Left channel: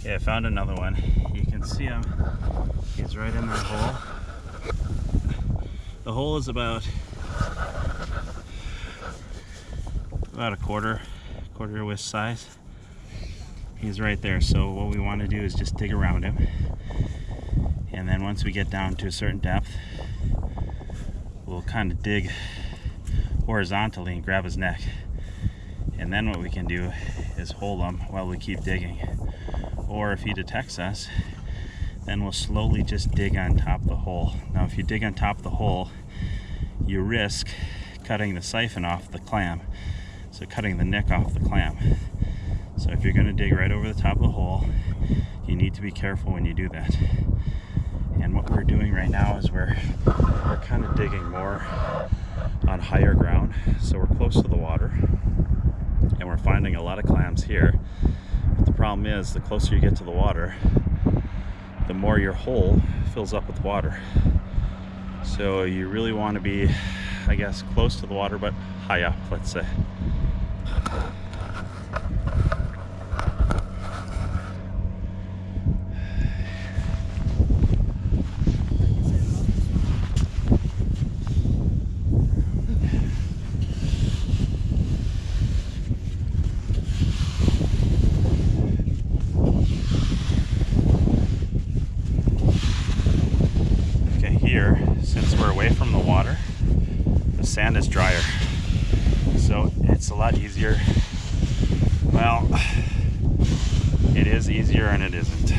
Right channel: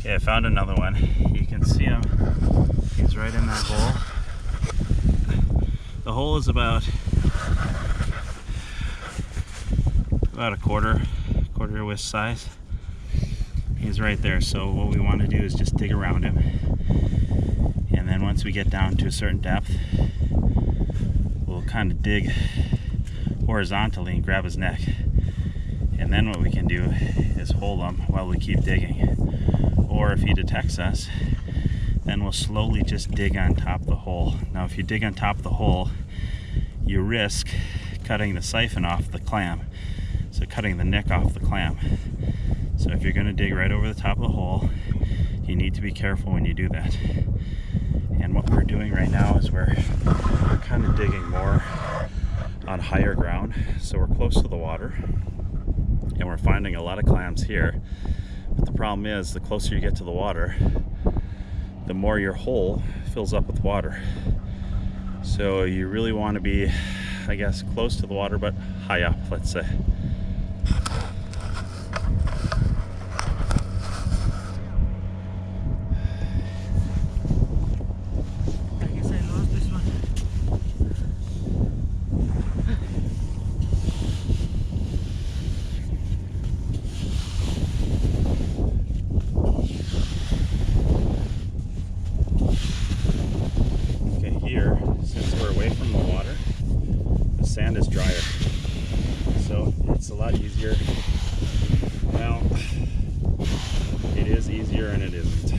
Okay, I found another one. You can see him. He's right in that hole. The hole is about a quarter width size. He's right there. So what we want to do is just dig around him. And then once we get down to a certain depth, we'll kind of dig horizontally and grab his neck. And then what we can do is hold him while we keep digging. Or if he detects us, then we'll slowly just dig on top of the hole. Now if you dig on top of the hole, you risk cutting the siphon off the clam. So cutting the neck off the clam. So if you're going to dig right over the top of the hole, you need to be careful when you do that. And what we're doing right now is we're kind of digging more on higher ground. So we're close to the water and we're finding a lot of clams here. But the problem is, the closer you get to the water, the more your hole fills up with water. So you really want to be, I guess, close to the water but high up, let's say. Here, since we're away from the water, the sand is drier, so it's a lot easier. Well, it is easier and it isn't.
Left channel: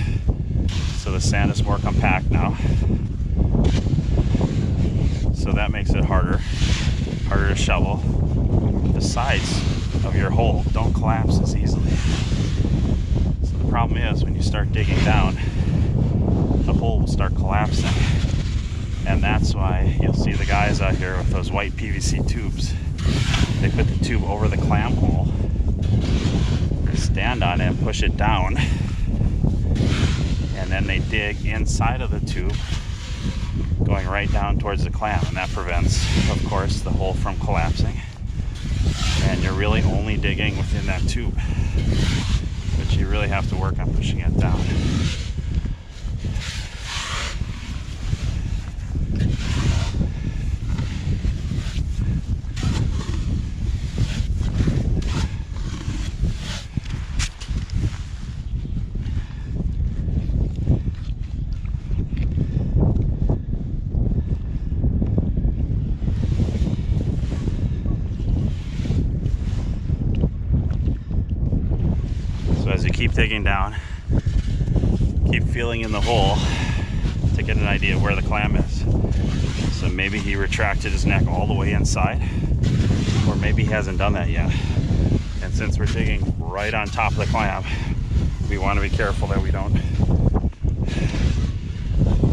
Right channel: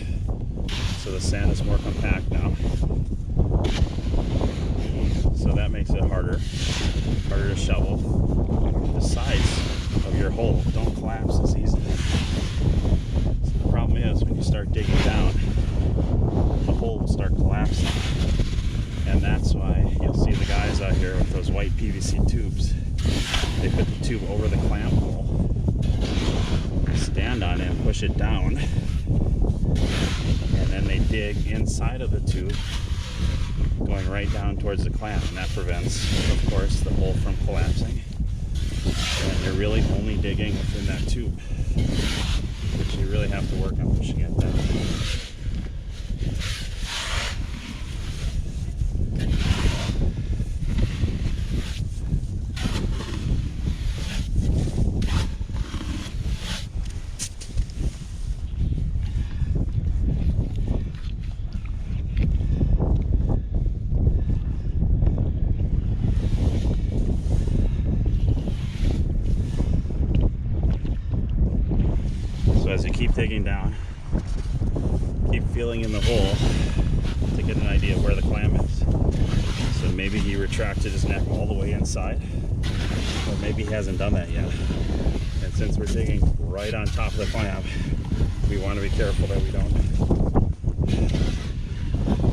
So the sand is more compact now, so that makes it harder to shovel. The sides of your hole don't collapse as easily. So the problem is, when you start digging down, the hole will start collapsing. And that's why you'll see the guys out here with those white PVC tubes. They put the tube over the clam hole, stand on it and push it down, and then they dig inside of the tube, going right down towards the clam, and that prevents, of course, the hole from collapsing. And you're really only digging within that tube, but you really have to work on pushing it down. So as you keep digging down, keep feeling in the hole to get an idea of where the clam is. So maybe he retracted his neck all the way inside, or maybe he hasn't done that yet. And since we're digging right on top of the clam, we want to be careful that we don't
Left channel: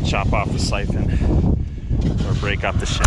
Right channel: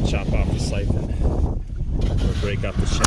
chop off the siphon or break up the shell.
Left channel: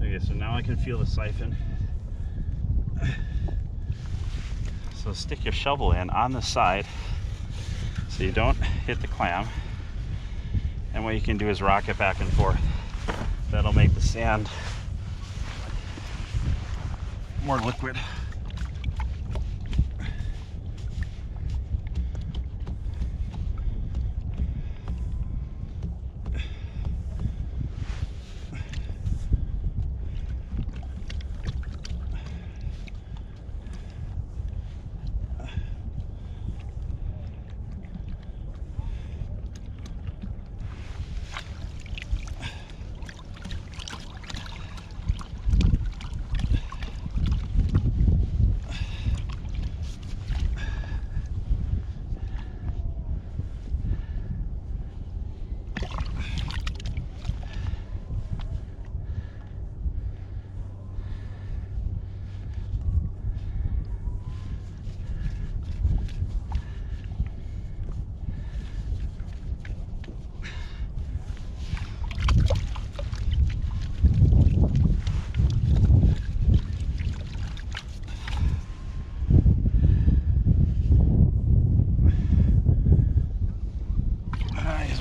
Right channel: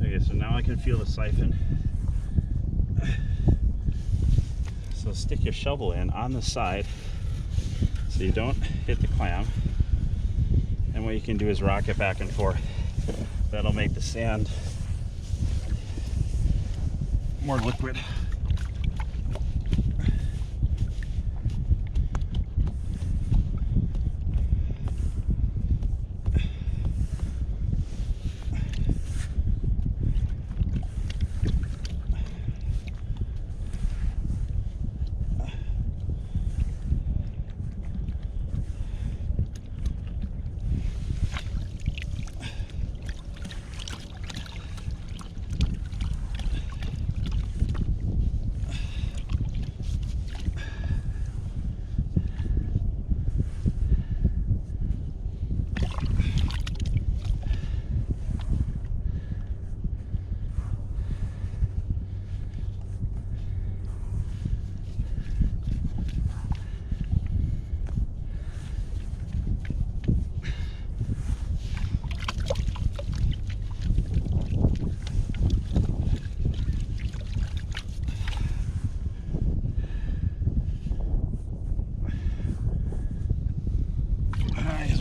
Okay, so now I can feel the siphon. So stick your shovel in on the side so you don't hit the clam. And what you can do is rock it back and forth. That'll make the sand more liquid.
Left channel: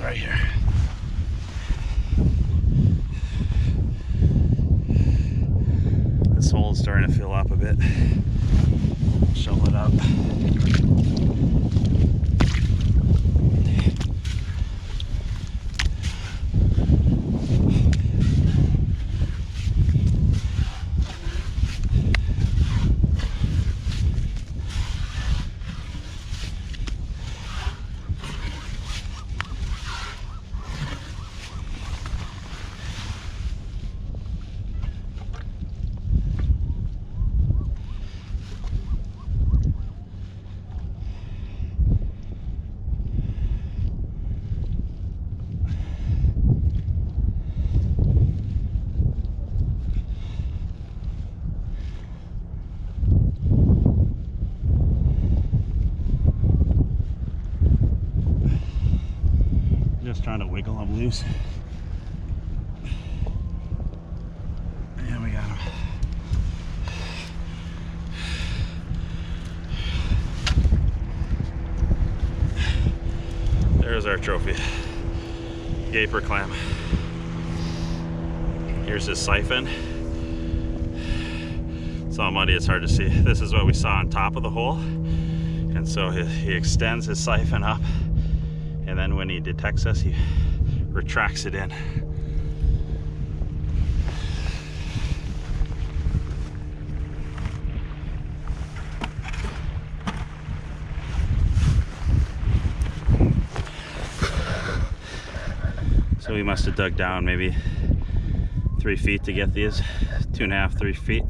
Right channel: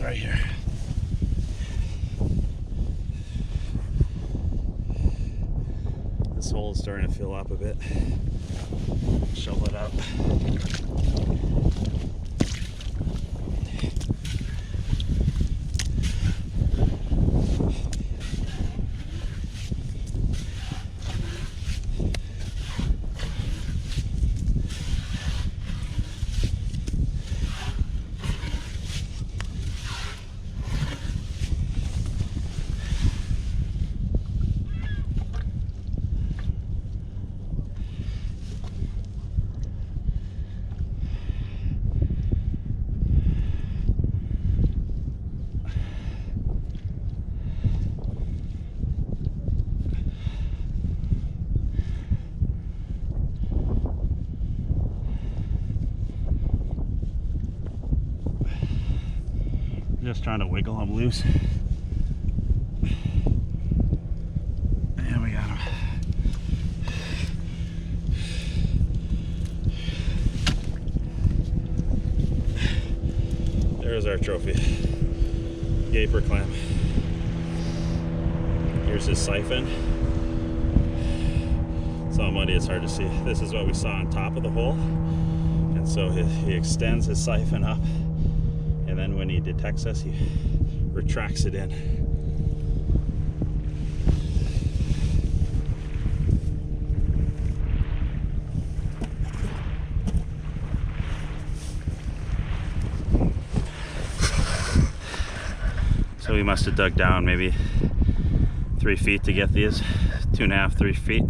right here. This hole is starting to fill up a bit. Shovel it up. Just trying to wiggle him loose. And we got him. There's our trophy. Gaper clam. Here's his siphon. It's all muddy, it's hard to see. This is what we saw on top of the hole. And so he extends his siphon up. And then when he detects us, he retracts it in. So we must have dug down maybe 3 feet to get these, 2.5, 3 feet.